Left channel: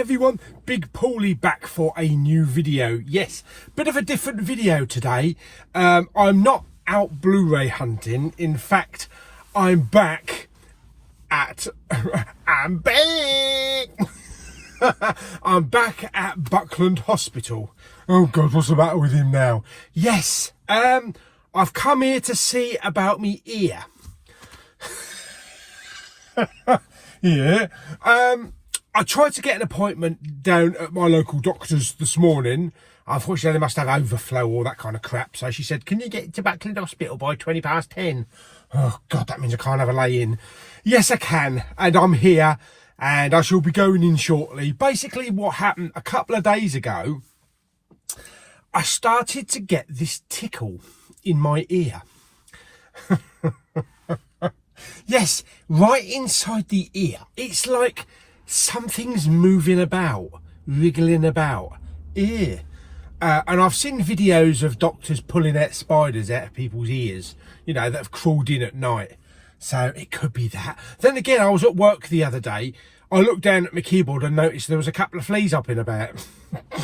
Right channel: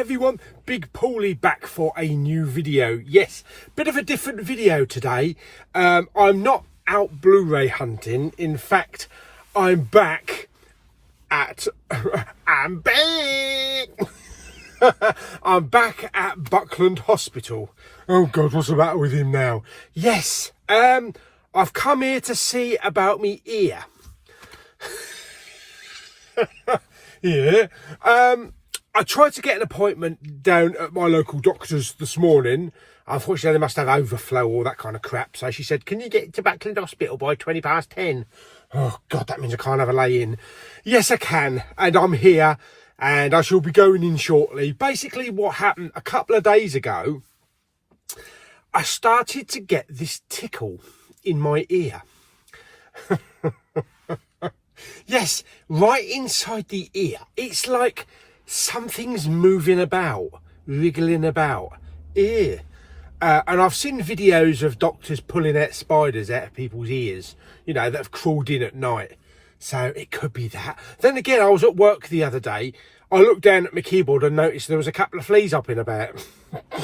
everyone, Big Pauly back for a new video. Yes, bit of a different video today. I'm not out Blu-ray hunting. In fact, I'm back at I'm back I'm back at Buckland Hospital. Oh God, what's the matter with him now? Yes, I've come here to see about me ear. Yeah. I tried to get an appointment down at my local doctor's this morning. Unfortunately, they must have overflow, all that kind of crap. So she said, can you get to Buckland Hospital by 10:20? Oh, God, that means I can't have a lay-in. Yes, I can. And I'm here, and I shall be going in shortly. Basically, what happened a couple of days ago, I started to get this tickle in my ear. Yes, right inside the ear. It's like something's moving about, wriggling about. Ear. And I've seen videos of doctors pulling out spiders out of people's ears, you know, that have crawled in at night. So it could be that. Then again, I was at work the other day. I looked down at my keyboard and noticed there was a couple of fleas up and about.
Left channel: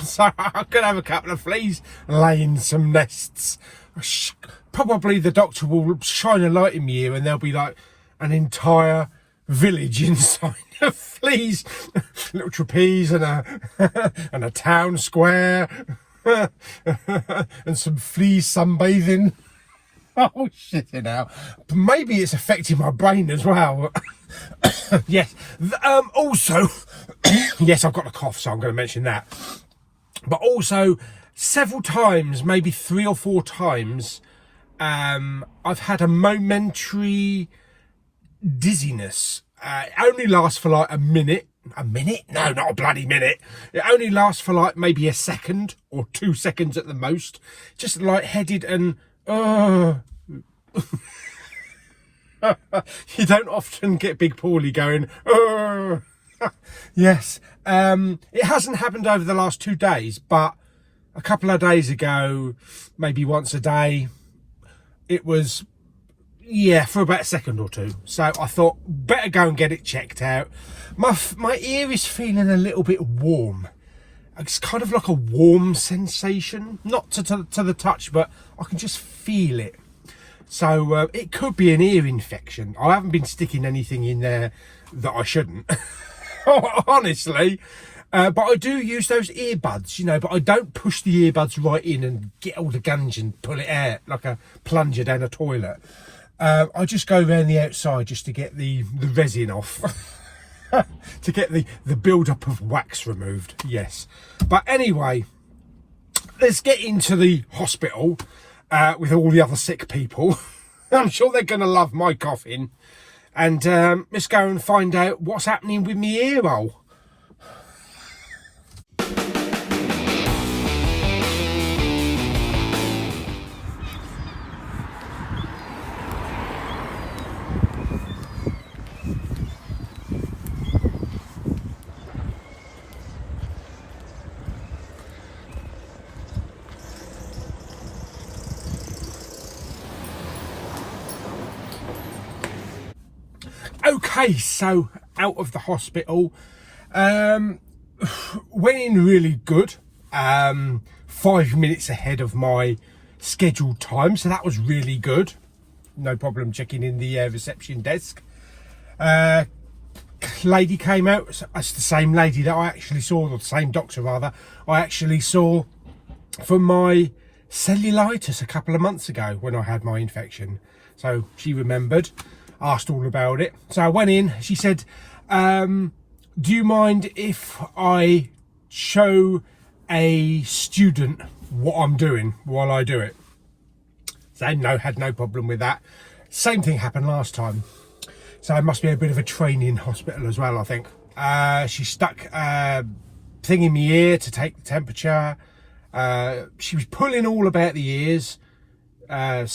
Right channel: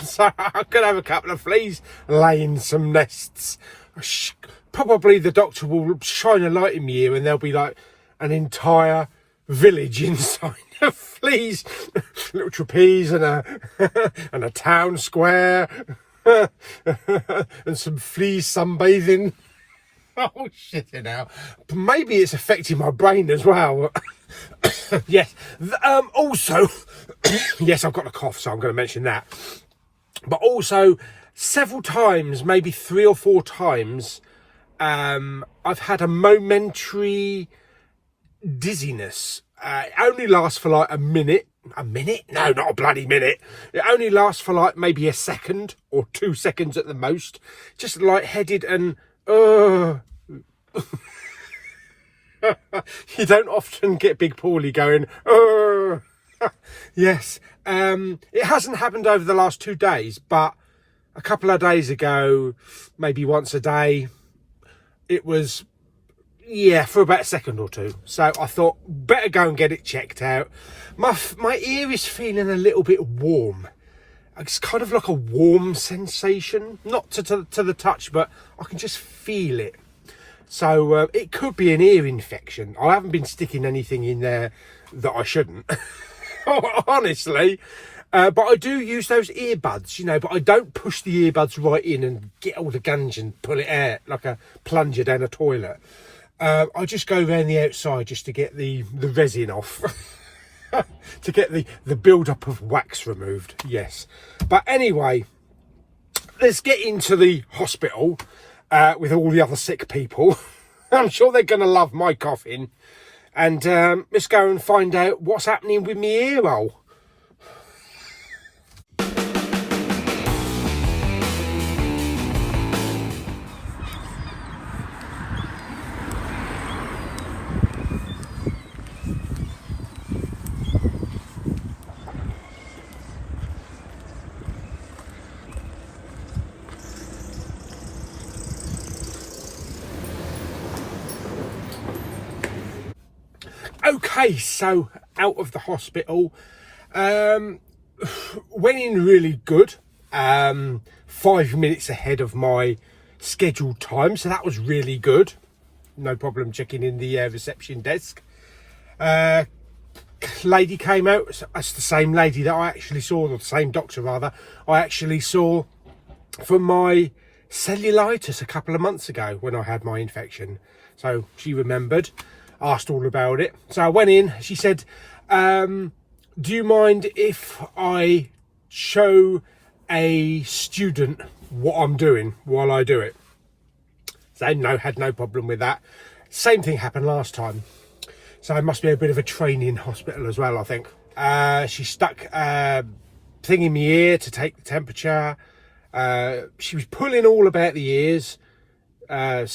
So I could have a couple of fleas laying some nests. Probably the doctor will shine a light in my ear and there'll be like an entire village inside of fleas. Little trapeze and a town square. And some fleas sunbathing. Oh shit, you know. Maybe it's affecting my brain as well. Yes. Also, yes, I've got a cough, so I'm going to mention that. But also, several times, maybe 3 or 4 times, I've had a momentary dizziness. It only lasts for like a minute. A minute? No, not a bloody minute. It only lasts for like maybe a second or 2 seconds at the most. Just lightheaded and you don't often get Big Pauly going Yes. It hasn't happened over the last 2 days, but a couple of days ago, maybe once a day, it was, yeah, for about a second or 2. So I thought, better go and get it checked out. My ear is feeling a little bit warm. It's kind of like a warm sensation, not to the touch, but I can just feel it. So it could be an ear infection. I haven't been sticking anything in there that I shouldn't, honestly. But I do use those earbuds, you know, but I don't push the earbuds right in and get all the gunge and pull it out like a plunger down a toilet. I just go around the outside just to get the resin off. To get the build-up of wax removed, yes. But anyway, let's get into the hospital with all the other sick people. I'm sure they're going to love my coughing. And let's go and find out what's happening with my ear roll. Okay, so out of the hospital, went in really good, 5 minutes ahead of my scheduled time, so that was really good. No problem checking in the reception desk. Lady came out. That's the same lady that I actually saw, or the same doctor rather, I actually saw for my cellulitis a couple of months ago when I had my infection. So she remembered. Asked all about it. So I went in. She said, do you mind if I show a student what I'm doing while I do it? So no, had no problem with that. Same thing happened last time. So it must be a bit of a training hospital as well, I think. She stuck a thing in my ear to take the temperature. She was pulling all about the ears. I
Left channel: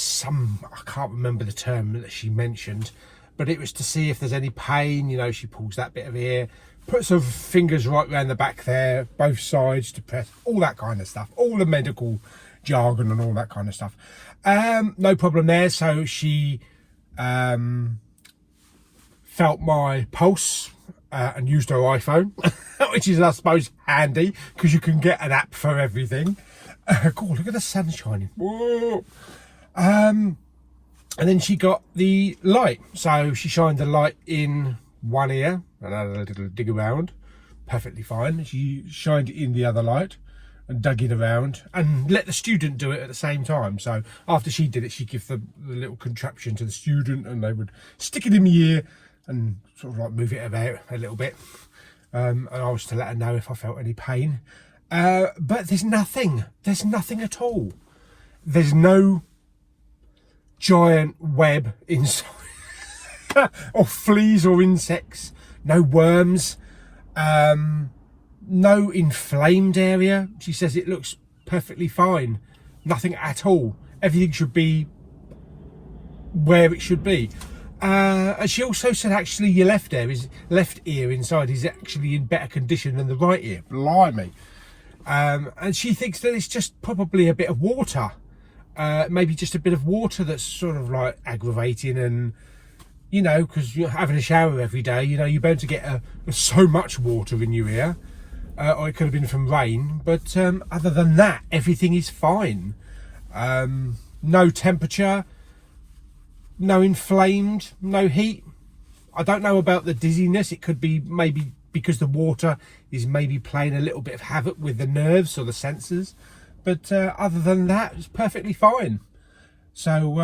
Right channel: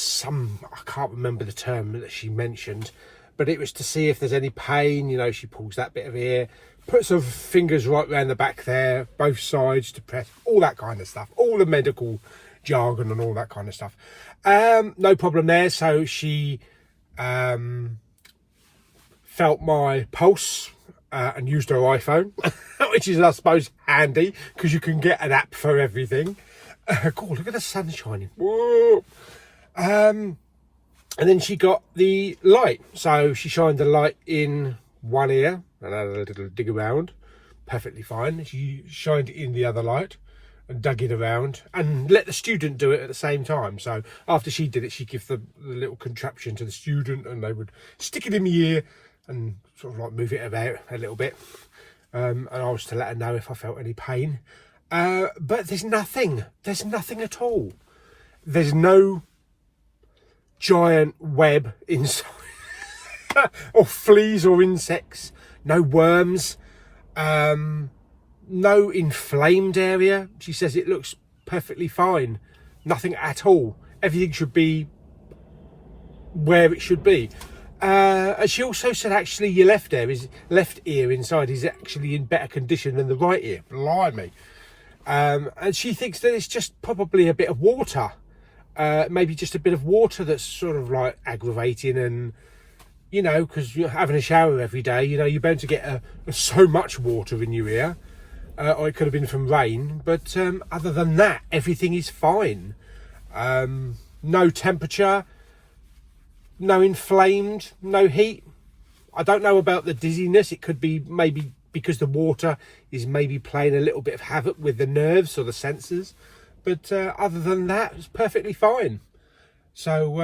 can't remember the term that she mentioned, but it was to see if there's any pain. You know, she pulls that bit of ear, puts her fingers right around the back there, both sides to press, all that kind of stuff, all the medical jargon and all that kind of stuff. No problem there. So she felt my pulse, and used her iPhone, which is, I suppose, handy because you can get an app for everything. God, look at the sun shining. Whoa. And then she got the light. So she shined the light in one ear and had a little dig around. Perfectly fine. She shined it in the other light and dug it around and let the student do it at the same time. So after she did it, she gave the little contraption to the student and they would stick it in the ear and sort of like move it about a little bit. And I was to let her know if I felt any pain. But there's nothing at all. There's no giant web inside or fleas or insects, no worms, no inflamed area. She says it looks perfectly fine, nothing at all. Everything should be where it should be. And she also said actually your left ear inside is actually in better condition than the right ear. Blimey. And she thinks that it's just probably a bit of water, maybe just a bit of water that's sort of like aggravating. And you know, because you're having a shower every day, you know, you're bound to get so much water in your ear, or it could have been from rain. But other than that, everything is fine. No temperature, no inflamed, no heat. I don't know about the dizziness. It could be maybe because the water is maybe playing a little bit of havoc with the nerves or the sensors. But other than that, it's perfectly fine. So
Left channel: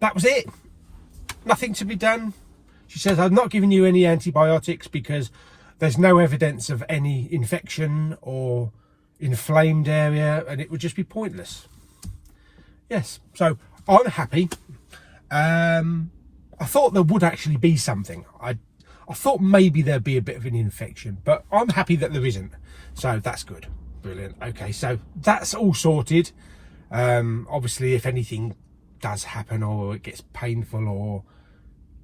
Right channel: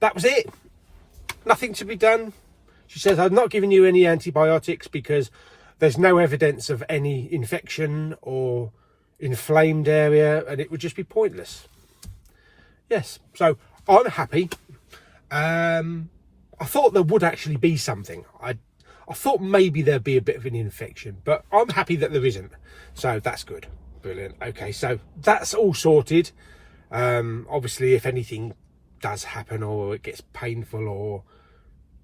that was it. Nothing to be done. She says, I've not given you any antibiotics because there's no evidence of any infection or inflamed area and it would just be pointless. Yes, so I'm happy. I thought there would actually be something. I thought maybe there'd be a bit of an infection, but I'm happy that there isn't. So that's good. Brilliant. Okay, so that's all sorted. Obviously, if anything does happen or it gets painful or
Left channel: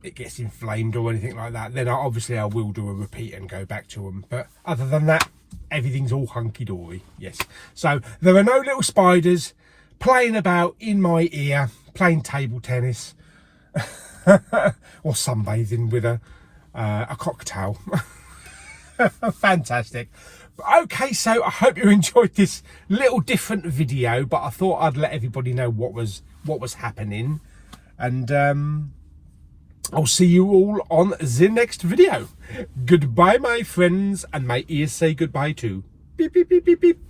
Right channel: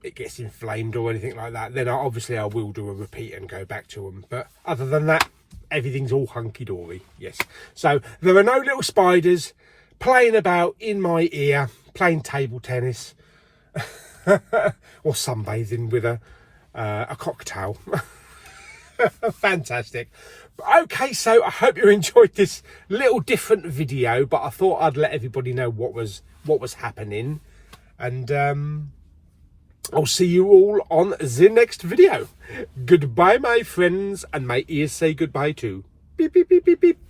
it gets inflamed or anything like that, then obviously I will do a repeat and go back to them. But other than that, everything's all hunky-dory. Yes. So there are no little spiders playing about in my ear, playing table tennis or sunbathing with a cocktail. Fantastic. Okay, so I hope you enjoyed this little different video, but I thought I'd let everybody know what was happening. And I'll see you all on the next video. Goodbye, my friends, and my ears say goodbye too. Beep, beep, beep, beep, beep.